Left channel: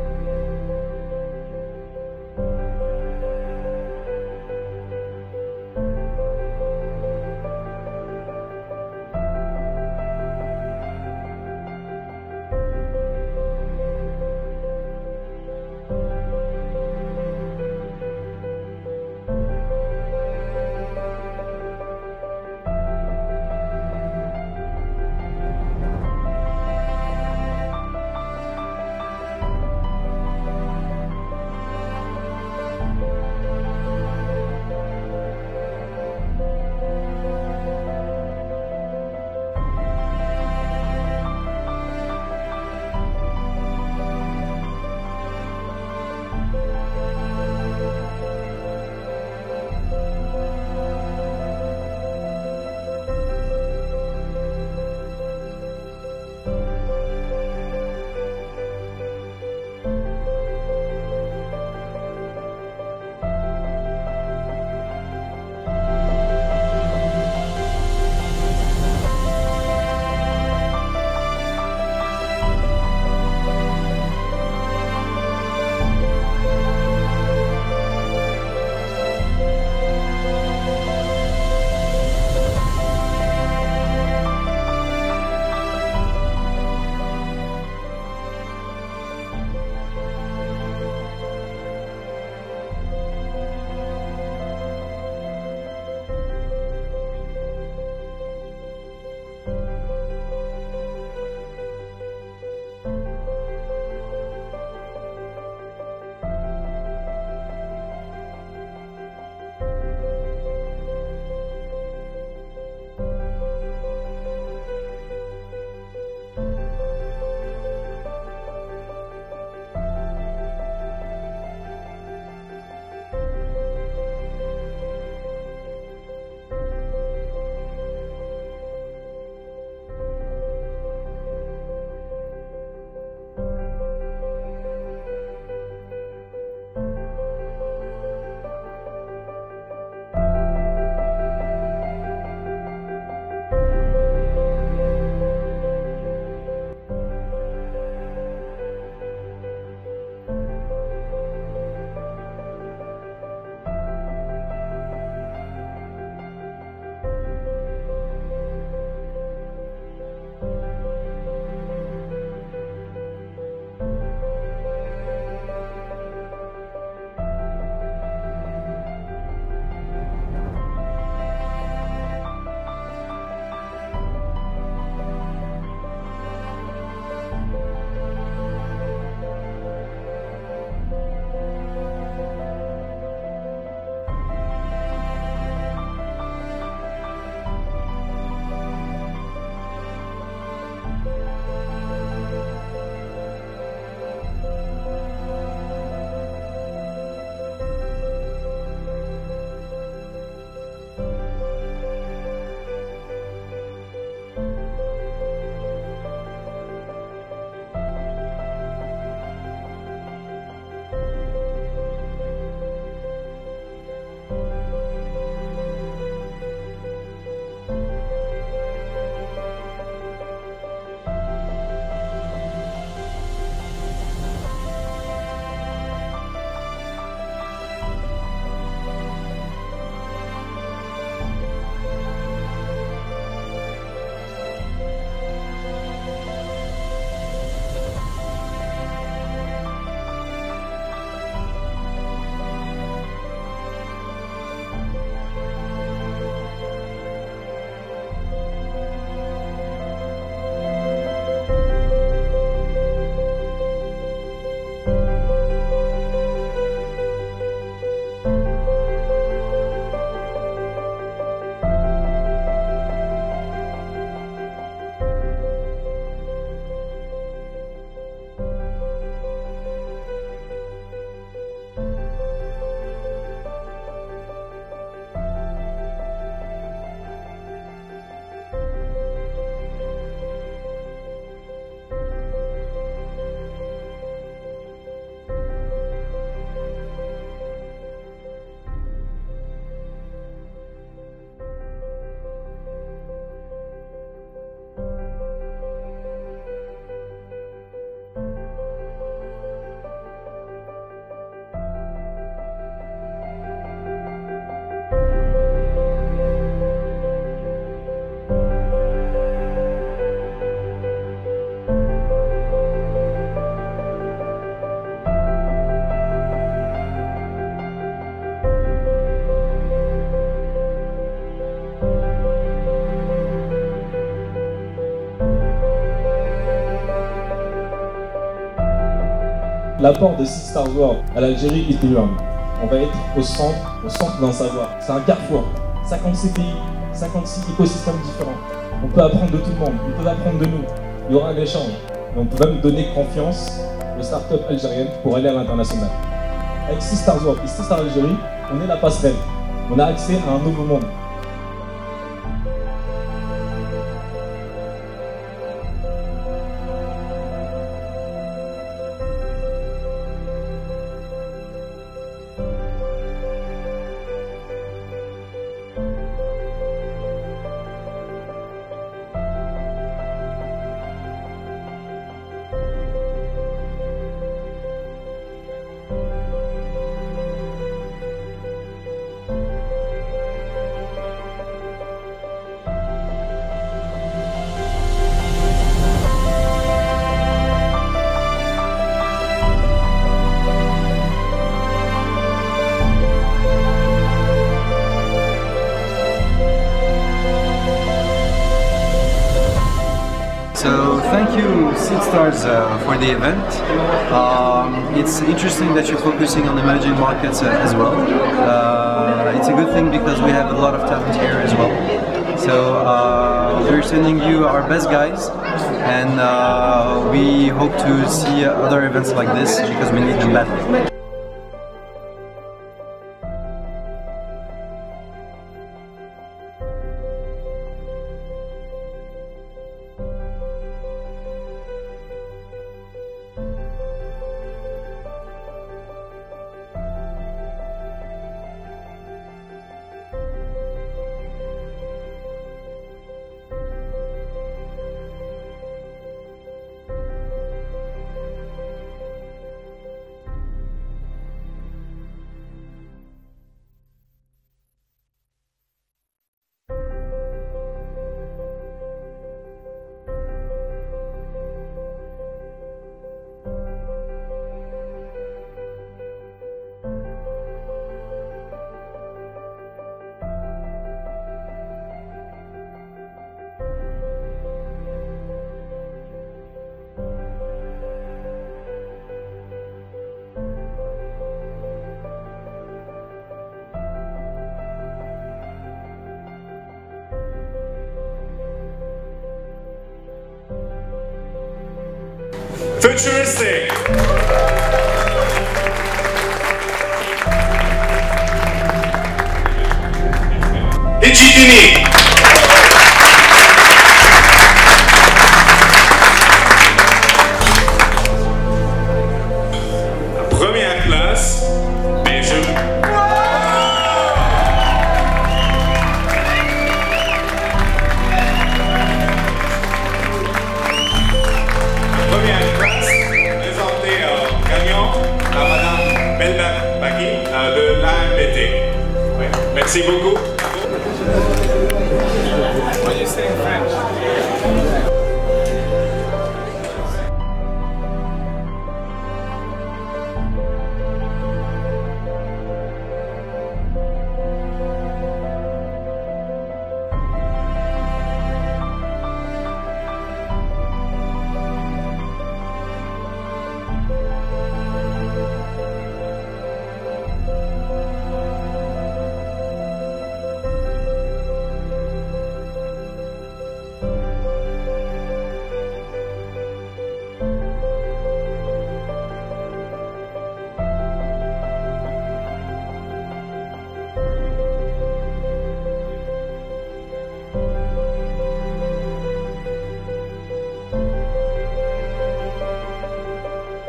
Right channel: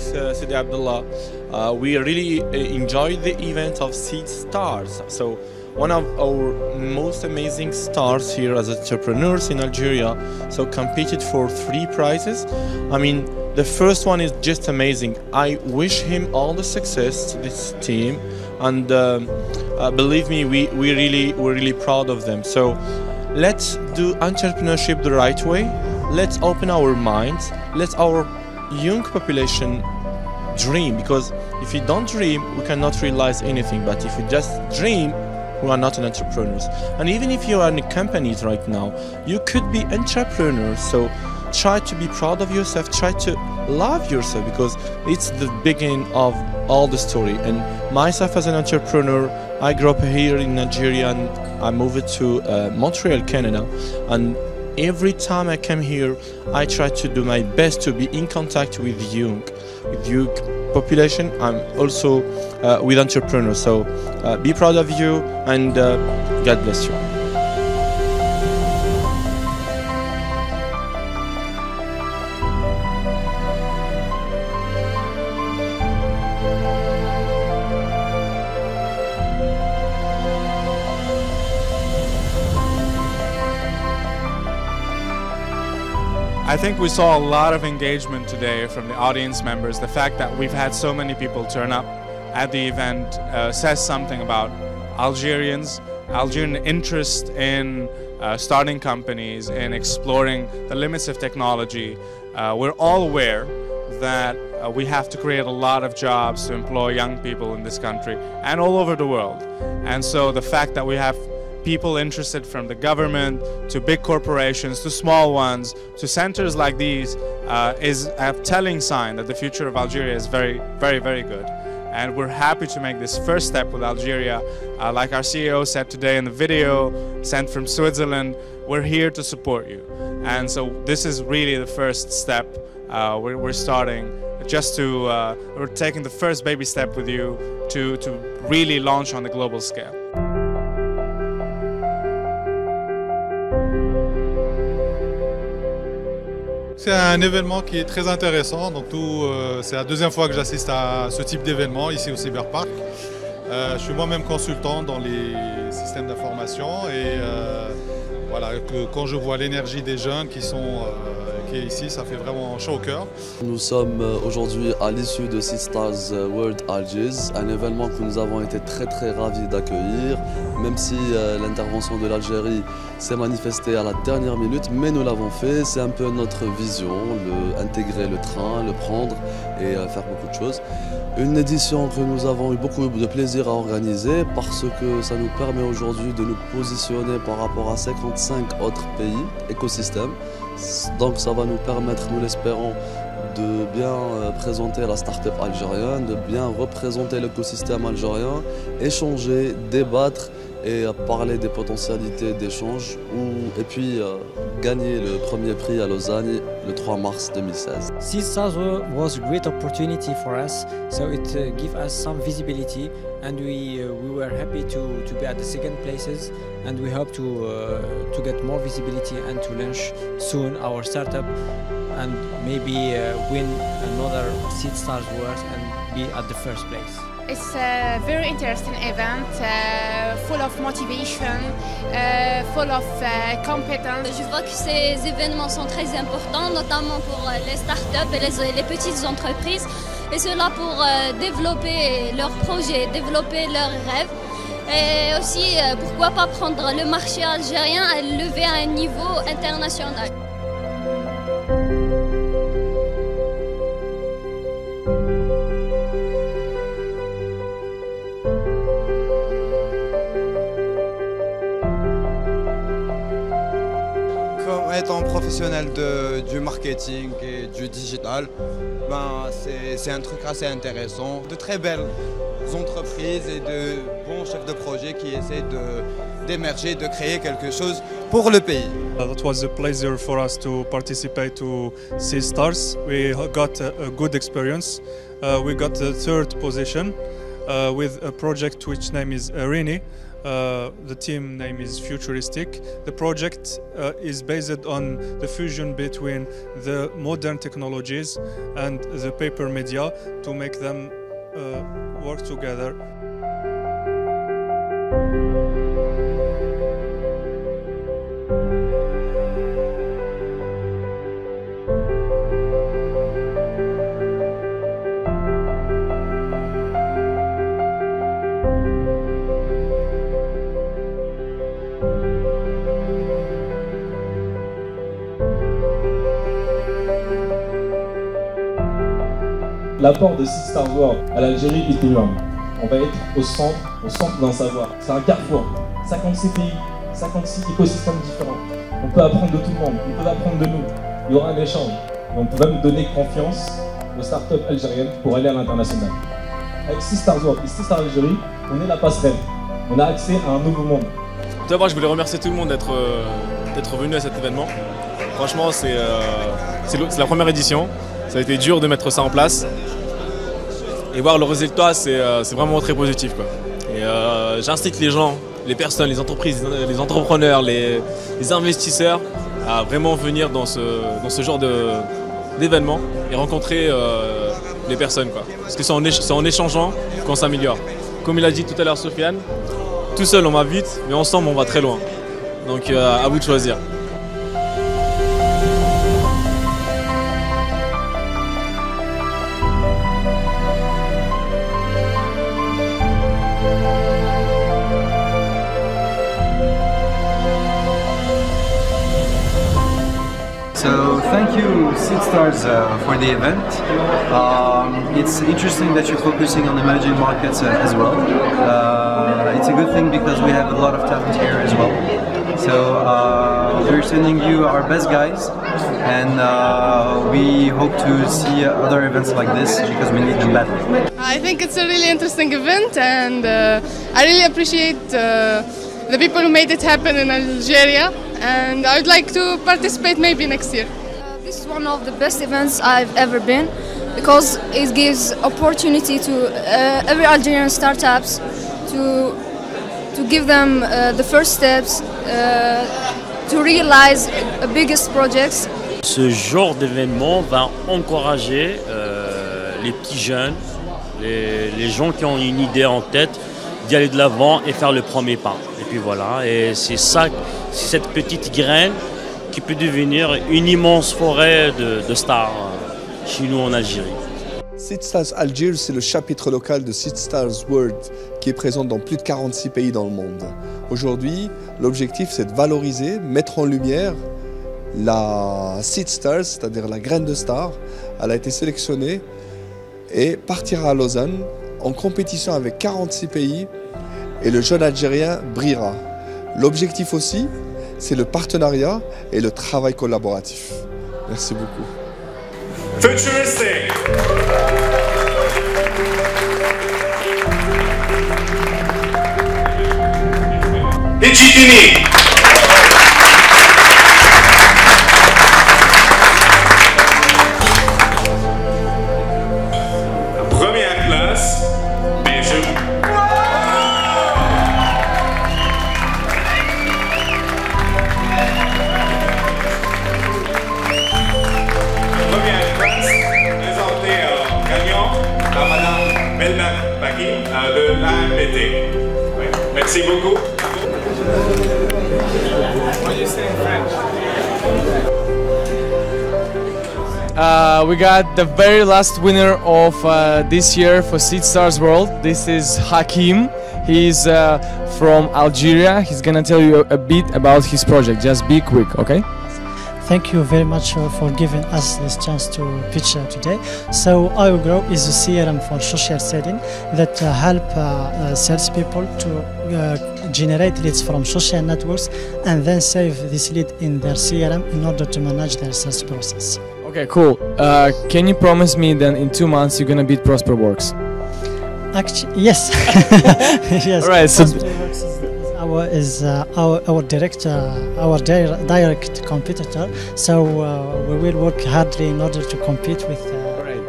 Thanks, Sidi Abdullah. We really enjoyed the event of Seed Stars. So one of our most amazing stars here as entrepreneurs in Algeria, so competed for 3 prizes. I mean, the first one is just amazing. I wish him all the success, this team, and believe me, we're really proud of them. So let's do entrepreneurship the right way. Let's open our minds. Let our young population dream, because if you don't dream, we cannot realize anything. But if you just dream, we are not an entrepreneurs. And even if you are in companies right now, you could be entrepreneurs. So try to be proud of yourself, try to love yourself, because it's the beginning of all the story. And myself as an entrepreneur, I grew up here in Nigeria and I moved to Montreal, Canada. And every time I come here, I try to do my best to be in contact with young population. I'm also with entrepreneurs. So be proud of you, and God bless you. I think we saw a lot of engagement today from the audience members. The fact that we've had so many people turn up at the event says something about Algerian interest in starting companies, in exploring the limits of technology. We're all aware that we have to create a lot of jobs to employ young people in this country and all over the world. And so the fact that we have people interested from the government to big corporations to small ones to centers like these is a telling sign that the future of Algeria is very good. And we're happy to make this first step with Algeria. Like our CEO said today in the video sent from Switzerland, we're here to support you. And so this is really the first step. We're starting just to, we're taking the first baby step with you to really launch on the global scale. C'est un événement qui est très intéressant. Donc c'est la deuxième fois que j'assiste à ce type d'événement ici au Cyberpark. Je suis moi-même consultant dans les systèmes d'information et voilà, quand je vois l'énergie des jeunes qui est ici, ça fait vraiment chaud au cœur. Nous sommes aujourd'hui à l'issue de Seed Stars World Algiers, un événement que nous avons été très ravis d'accueillir, même si l'intervention de l'Algérie s'est manifestée à la dernière minute, mais nous l'avons fait. C'est un peu notre vision, intégrer le train, le prendre et faire beaucoup de choses. Une édition que nous avons eu beaucoup de plaisir à organiser parce que ça nous permet aujourd'hui de nous positionner par rapport à 55 autres pays, écosystèmes. Donc ça va nous permettre, nous l'espérons, de bien présenter la start-up algérienne, de bien représenter l'écosystème algérien, échanger, débattre et parler des potentialités d'échange et puis gagner le premier prix à Lausanne le 3 mars 2016. Seed Stars was a great opportunity for us, so it gave us some visibility, and we were happy to be at the second places, and we hope to get more visibility and to launch soon our startup and maybe win another Seed Stars Awards and be at the first place. It's a very interesting event, full of motivation, full of competence. Je vois que ces événements sont très importants, notamment pour les startups et les petites entreprises, et cela pour développer leurs projets, développer leurs rêves. Et aussi, pourquoi pas prendre le marché algérien et le lever à un niveau international. Comme étant professionnel du marketing et du digital, c'est un truc assez intéressant. De très belles entreprises et de bons chefs de projet qui essaient d'émerger, de créer quelque chose pour le pays. It was a pleasure for us to participate to Seed Stars. We got a good experience. We got the 3rd position with a project which name is Irini. The team name is Futuristic. The project is based on the fusion between the modern technologies and the paper media to make them work together. L'apport de Seed Stars World à l'Algérie est énorme. On va être au centre d'un savoir. C'est un carrefour. 56 pays, 56 écosystèmes différents. On peut apprendre de tout le monde, ils peuvent apprendre de nous. Il y aura un échange. Et on peut même donner confiance aux startups algériennes pour aller à l'international. Avec Seed Stars World et Seed Stars Algérie, on est la passerelle. On a accès à un nouveau monde. Tout d'abord, je voulais remercier tout le monde d'être venu à cet événement. Franchement, c'est la première édition. Ça a été dur de mettre ça en place. Et voir le résultat, c'est vraiment très positif, quoi. Et j'incite les gens, les personnes, les entreprises, les entrepreneurs, les investisseurs à vraiment venir dans ce genre d'événement et rencontrer les personnes, quoi. Parce que c'est en échangeant qu'on s'améliore. Comme il a dit tout à l'heure Sofiane, tout seul on va vite, mais ensemble on va très loin. Donc à vous de choisir. So thank you Seed Stars for the event. It's interesting that you're focusing on emerging markets as well. It's a good thing because we have a lot of talent here as well. So we're sending you our best guys, and we hope to see other events like this because we need them badly. I think it's a really interesting event, and I really appreciate the people who made it happen in Algeria, and I would like to participate maybe next year. This is one of the best events I've ever been because it gives opportunity to every Algerian startups to give them the first steps to realize the biggest projects. Ce genre d'événement va encourager les petits jeunes, les gens qui ont une idée en tête, d'y aller de l'avant et faire le premier pas. Et puis voilà, et c'est ça, c'est cette petite graine qui peut devenir une immense forêt de stars chez nous en Algérie. Seed Stars Algiers, c'est le chapitre local de Seed Stars World qui est présent dans plus de 46 pays dans le monde. Aujourd'hui, l'objectif c'est de valoriser, mettre en lumière la Seed Stars, c'est-à-dire la graine de star. Elle a été sélectionnée et partira à Lausanne en compétition avec 46 pays et le jeune Algérien brillera. L'objectif aussi, c'est le partenariat et le travail collaboratif. Merci beaucoup. Futuristic. Digitini. Première place, Belgium. Première place, présentée en gagnant par Madame Belma Baki de l'AMPT. Oui. Merci beaucoup. What do you say in French? We got the very last winner of this year for Seed Stars World. This is Hakim. He's from Algeria. He's gonna tell you a bit about his project. Just be quick, okay? Thank you very much for giving us this chance to pitch today. So iGrow is a CRM for social selling that help salespeople to generate leads from social networks and then save this lead in their CRM in order to manage their sales process. Okay, cool. Can you promise me then in 2 months you're gonna beat Prosperworks? Actually, yes. Yes. All right. So our direct competitor. So we will work hardly in order to compete with.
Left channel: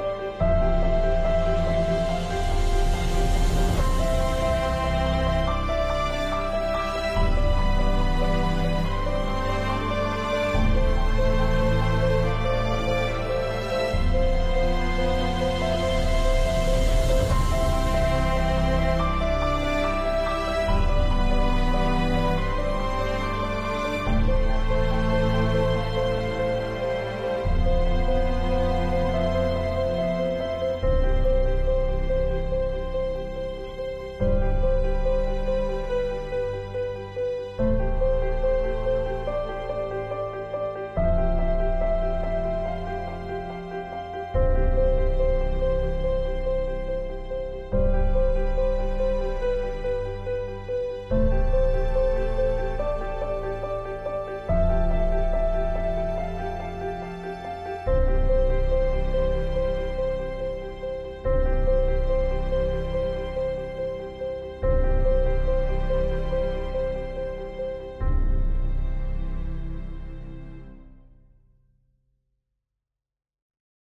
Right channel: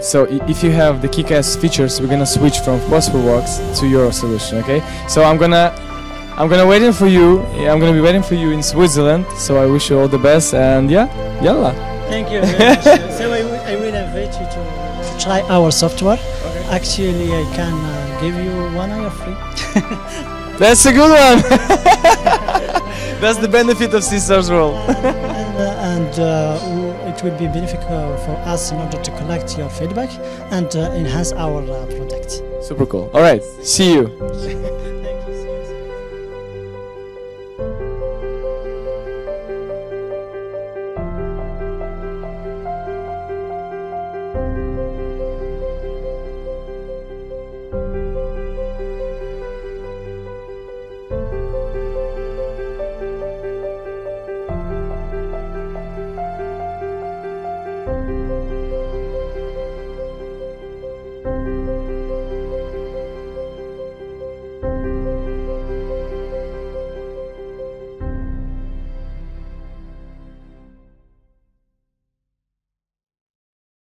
So if you have the kick-ass features, we're gonna switch from Prosperworks to your solution. Okay. So I'm gonna I'm gonna waiting for you. Yeah, I'm gonna be waiting for you in Switzerland. So I wish you all the best, and yeah, yalla. Thank you very much. So I will invite you to try our software. Actually, I can give you 1 hour free. That's a good one. That's the benefit of Seedstars World. It will be beneficial for us in order to collect your feedback and enhance our product. Super cool. All right, see you.